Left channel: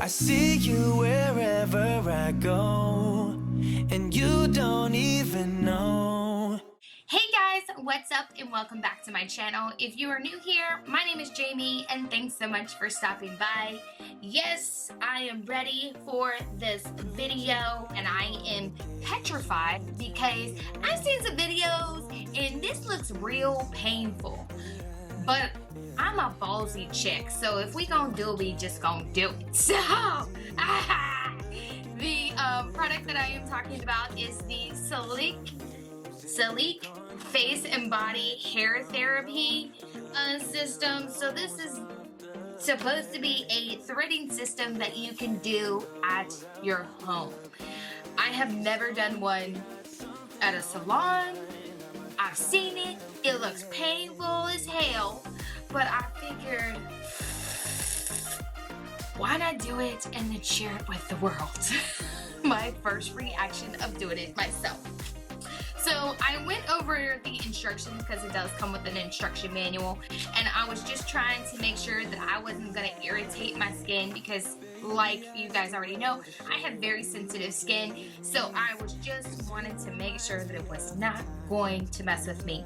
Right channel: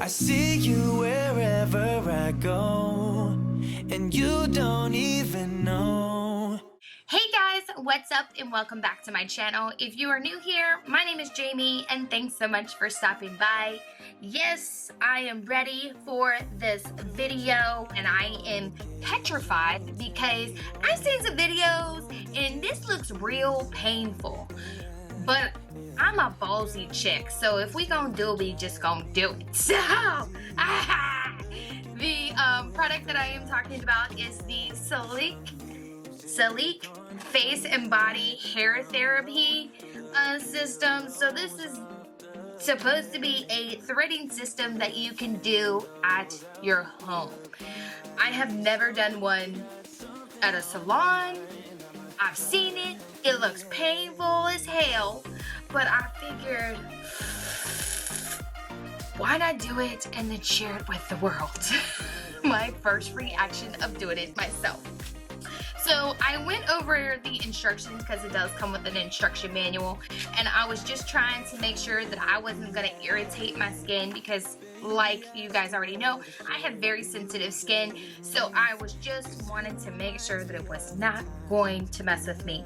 I see you wherever I go, and you don't even know. Hey guys, what's up and welcome back to my channel. If you are new here, my name is Jamie and thanks so much for stopping by. Yes, I am ready for this video and I am petrified because I've seen some videos and this looks real painful. But I'm a ballsy chick, so if we gonna do it, we just gonna do it. So, the product that I am talking about is the Slique face and body hair therapy system. So this is supposed to be a threading system that you can do at your home. I have never done one at a salon. I've seen it. It looks painful as hell, but I figured, why not do it and then share it with the world? My first reaction of doing it myself. So I went over the instructions because it does come with an instruction manual, and I was just trying to make sure that I wasn't going to irritate my skin because, like you guys already know, I have very sensitive skin, so I was just wanting to make sure that it was not going to mess with me.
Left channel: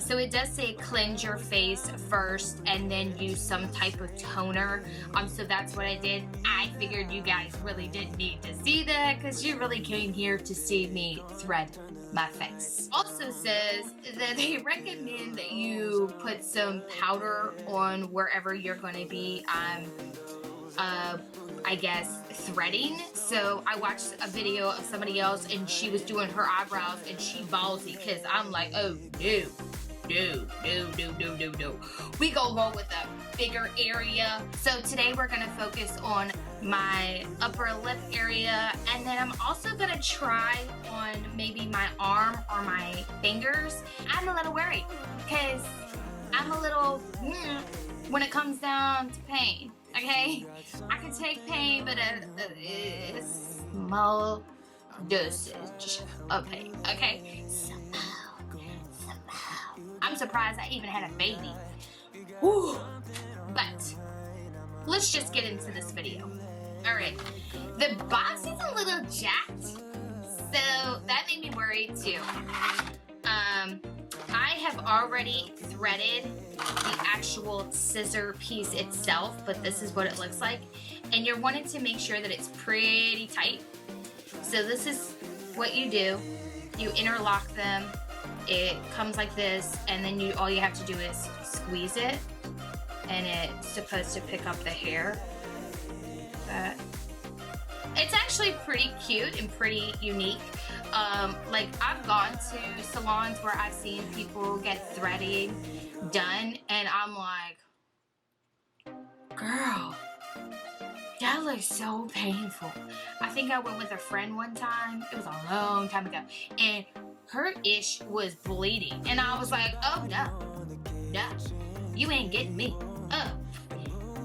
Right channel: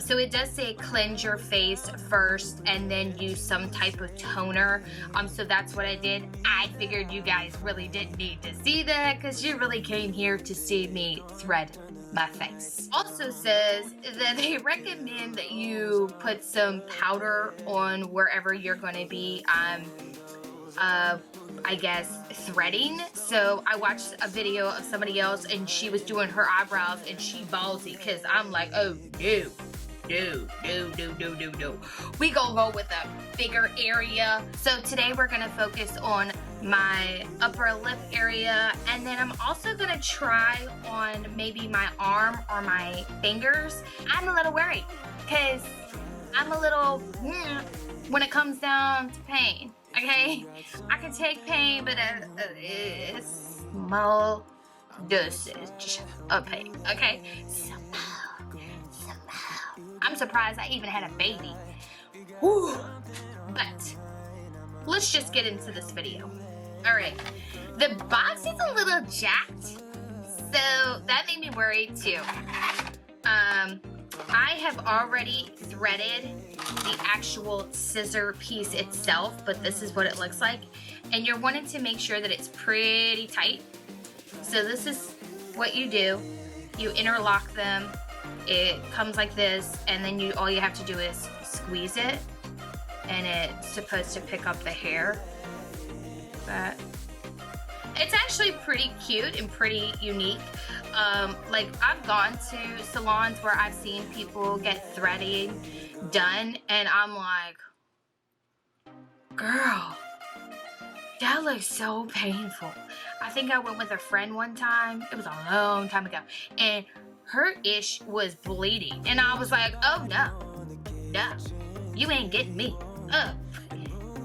So it does say cleanse your face first and then use some type of toner. So that's what I did. I figured you guys really didn't need to see that because you really came here to see me thread my face. Also says that they recommend that you put some powder on wherever you're going to be I guess threading. So I watched a video of somebody else and she was doing her eyebrows and she ballsy because I'm like, oh no. We gonna go with a bigger area. So today we're gonna focus on my upper lip area, and then I'm also gonna try on maybe my arm or my fingers. I'm a little worried because I'm a little when it comes down to pain. Okay, I can take pain, but a small dosage of pain. Okay, I'm surprised I even had a baby. Whew. But let's just get into this video. Alright, the box is a little jacked, so that made me worried too. I have already threaded the actual scissor piece itself, but this is what it looks like. And you're wanting to make sure that it's pretty tight. So this is what you do. You interlock them. It comes like this, and then all you have to do is squeeze it, and it's supposed to pick up the hair. But it's actually pretty cute and pretty unique. Like I've gone to salons where I've seen people get threading done, and I'm like, girl, that looks so painful. I think I went with a friend one time. It was a long time ago, and her ish was bleeding, and I was like, oh no, you ain't getting me.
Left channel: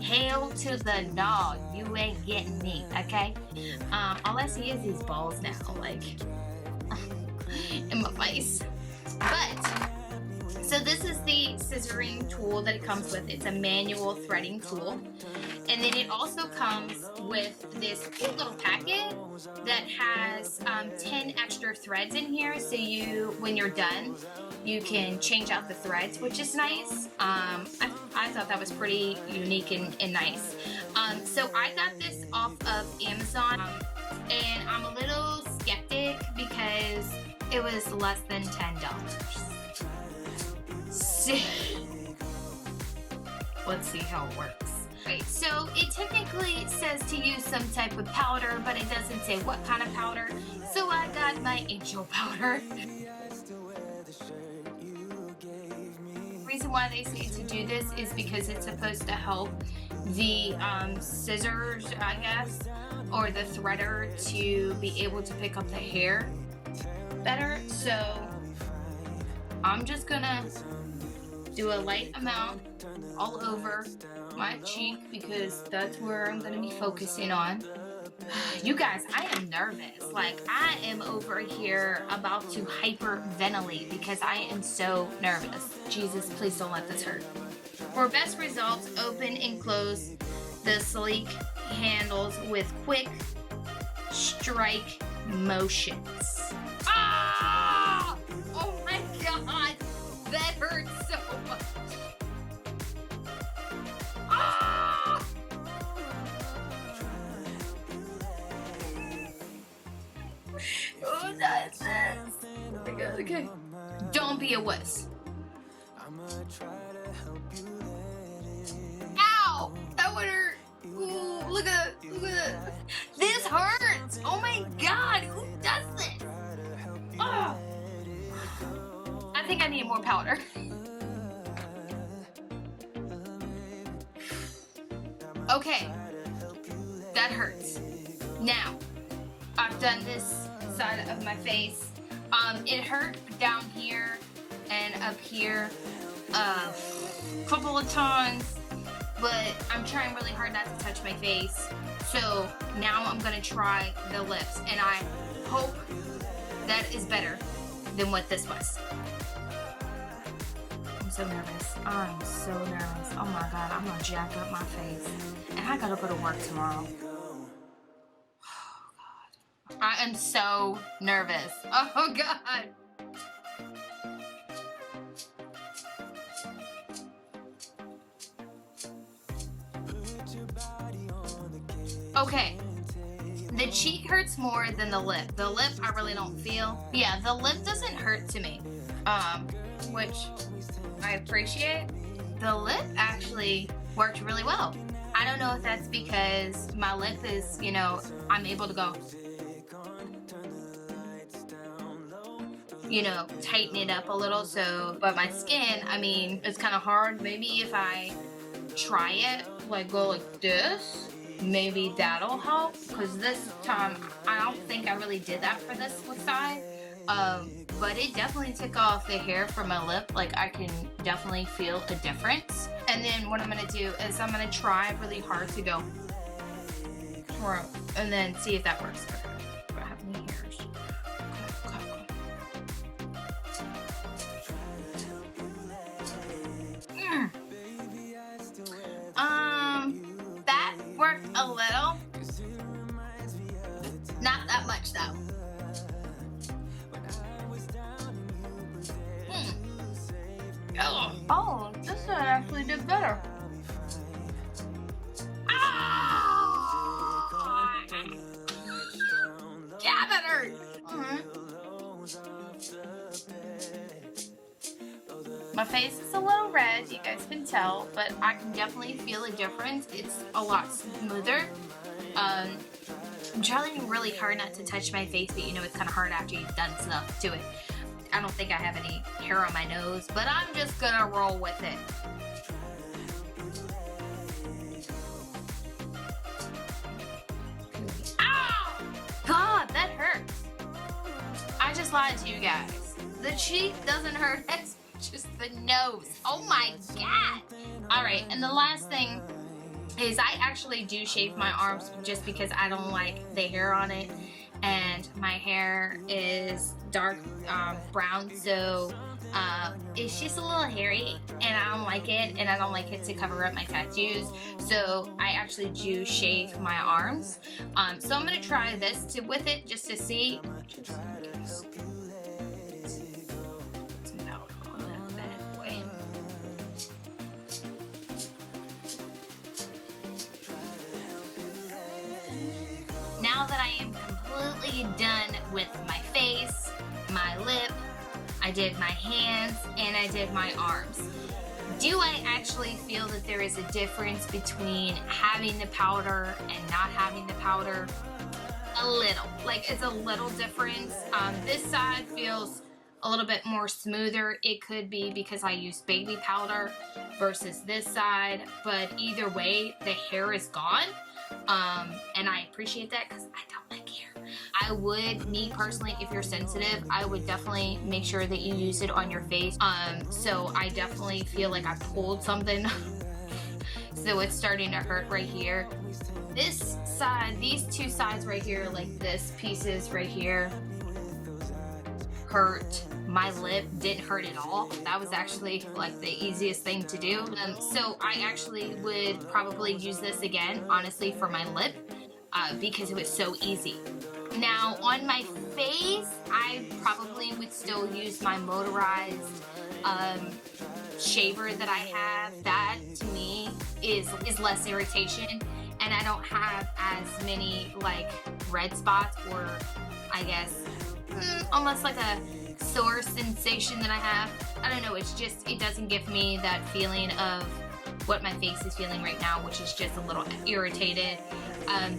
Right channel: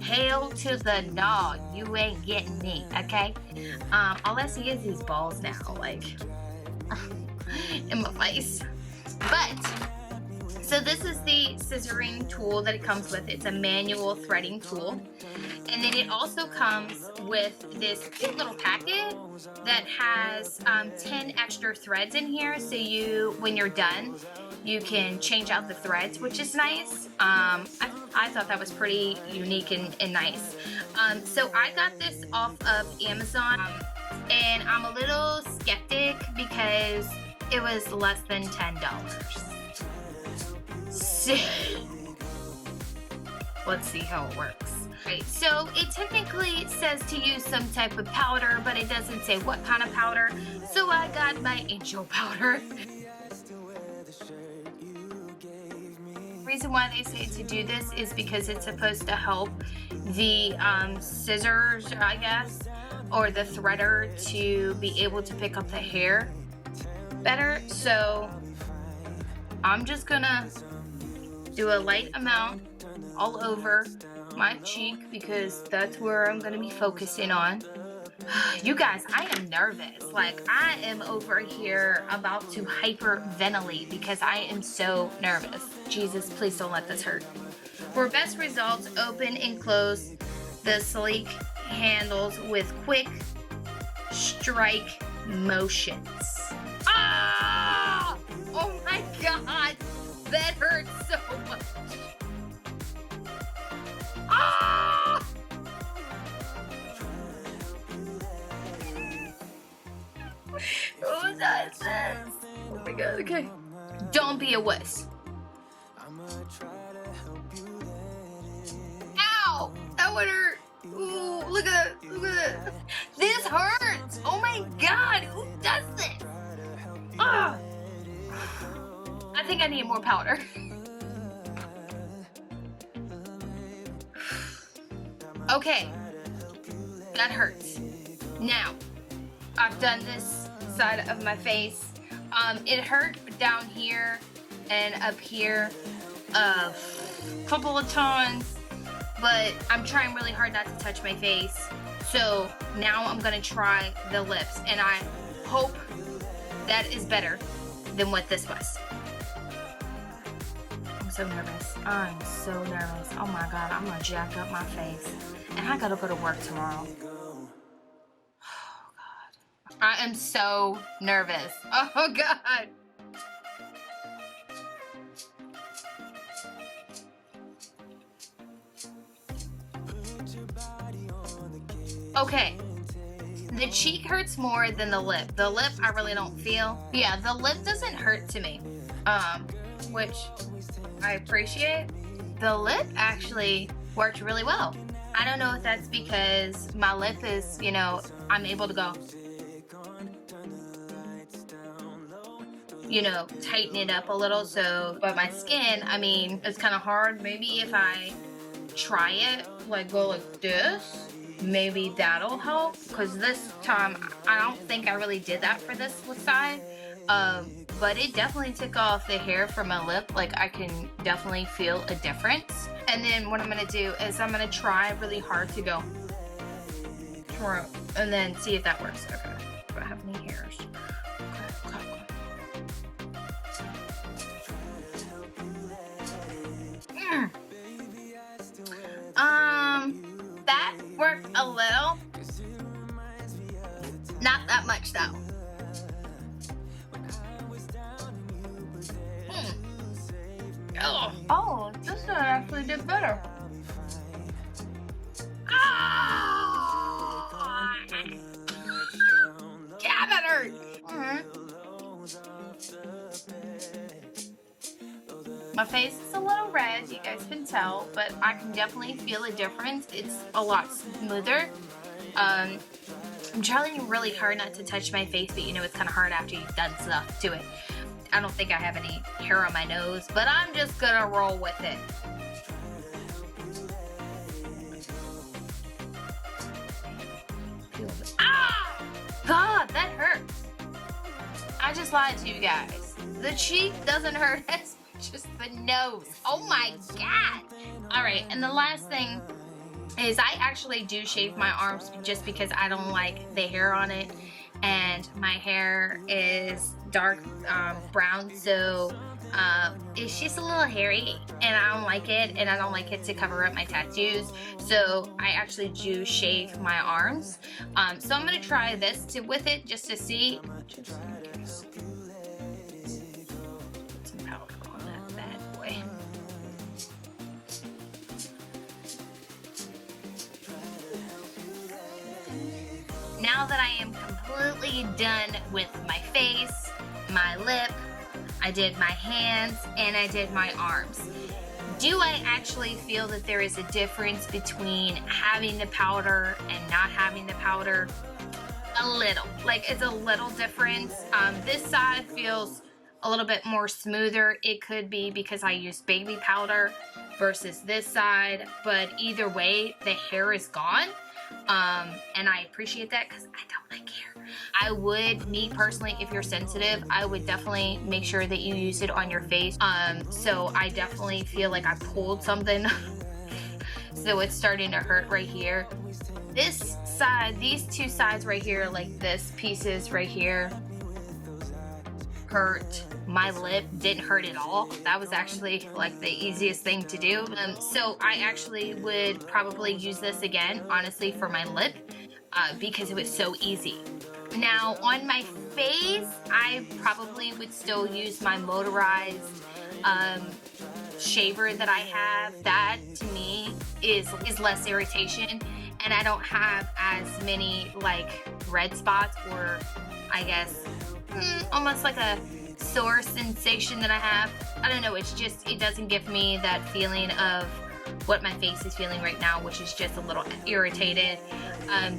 Hell to the no, you ain't getting me, okay? All I see is these balls now, like, in my face. But, so this is the scissoring tool that it comes with. It's a manual threading tool. And then it also comes with this cute little packet that has 10 extra threads in here. So when you're done, you can change out the threads, which is nice. I thought that was pretty unique and nice. So I got this off of Amazon, and I'm a little skeptic because it was less than $10. So, let's see how it works. Right, so it technically says to use some type of powder, but it doesn't say what kind of powder. So I got my angel powder. The reason why they say to do this is because it's supposed to help the scissors, I guess, or the threader to be able to pick up the hair better. So I'm just gonna do a light amount all over my cheek because that's where I'm gonna be focusing on. You guys, I am nervous. Like, I am over here about to hyperventilate because I am so nervous. Jesus, please don't let this hurt. For best results, open and close the Slique handles with quick strike motions. Ah! Oh my god! That hurts so much. Ah! Who does this? Oh my god, okay. Don't be a wuss. Ow! That would hurt. Ooh, look at that. Look at that. This hurts. Oh my god, who does this? Ah. I think I need more powder. Okay, that hurts. Now, I've done this side of my face. It hurt down here and up here a couple of times, but I'm trying really hard not to touch my face. So now I'm gonna try the lips, and I hope that is better than what this was. I'm so nervous. I'm so nervous. Oh my god, I'm gonna jack up my face. And I gotta go to work tomorrow. Oh god. I am so nervous. Oh god. Okay. The cheek hurts more than the lip. The lip I really don't feel. Yeah, the lip doesn't hurt to me. Which I appreciate. The lip actually worked really well. I don't know if that's because my lip is, you know, I'm able to go, you know, tighten it up a little. So, but my skin, I mean, it's kind of hard. Maybe if I try it, like go like this, maybe that'll help. Because this time, I don't think I really did that for this side. But it definitely took off the hair from my lip. Like I can definitely feel a difference. And then what I'm gonna do is I'm gonna try really hard to go and then see if that works. Okay, do I have any hairs? Okay. That worked a little. Not that much though. Oh, this one actually did better. Ah! Yeah, that hurt. My face is a little red, you guys can tell, but I can definitely feel a difference. It's a lot smoother. I'm trying really hard not to touch my face, but you know it's kind of hard after you've done stuff to it. I don't think I have any hair on my nose, but I'm just gonna roll with it. Ah! God, that hurts. I just lied to you guys. The cheek doesn't hurt as much as the nose. Oh my god. All right, and the last thing is I actually do shave my arms just because I don't like the hair on it. And my hair is dark brown, so it's just a little hairy and I don't like it, and I don't like it to cover up my tattoos, so I actually do shave my arms. So I'm gonna try this with it just to see. Put some powder on that bad boy. Now that I am completely done with my face, my lip, I did my hands, and I did my arms. Do I actually feel that there is a difference between having the powder and not having the powder? A little. Like, it's a little difference. This side feels a little bit more smoother. It could be because I used baby powder versus this side, but either way, the hair is gone. And I appreciate that because I don't like hair. I would, me personally, if you're sensitive, I would definitely make sure that you use it on your face. So I definitely feel like I pulled something. So it's starting to hurt right here. This side, these two sides right here, like this pieces right here, hurt my lip, didn't hurt at all. That was actually like the easiest thing to do. So I actually would probably use this again, honestly, for my lip because it was so easy. Now on my face, I probably would still use my motorized shaver that I have. That to me is less irritation, and I don't have as many like red spots, or I guess almost like a sore sensation that I have. I don't know, it's just, it doesn't give me that feeling of what my face is feeling right now, which is just a little irritated.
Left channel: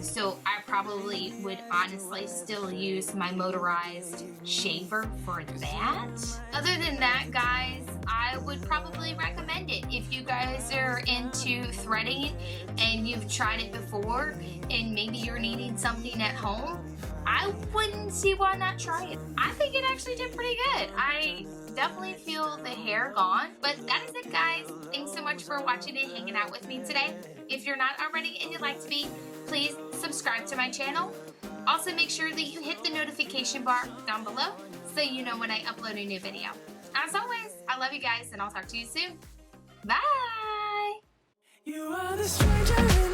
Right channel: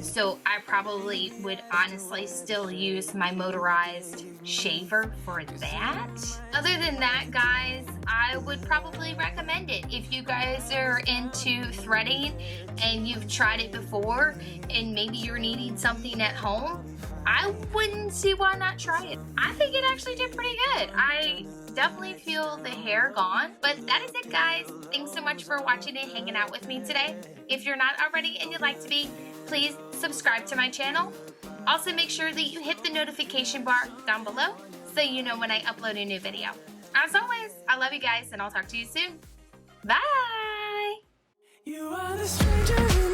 So I probably would honestly still use my motorized shaver for that. Other than that, guys, I would probably recommend it. If you guys are into threading and you've tried it before and maybe you're needing something at home, I wouldn't see why not try it. I think it actually did pretty good. I definitely feel the hair gone. But that is it, guys. Thanks so much for watching and hanging out with me today. If you're not already and you'd like to be, please subscribe to my channel. Also, make sure that you hit the notification bar down below so you know when I upload a new video. As always, I love you guys, and I'll talk to you soon. Bye! You are the stranger.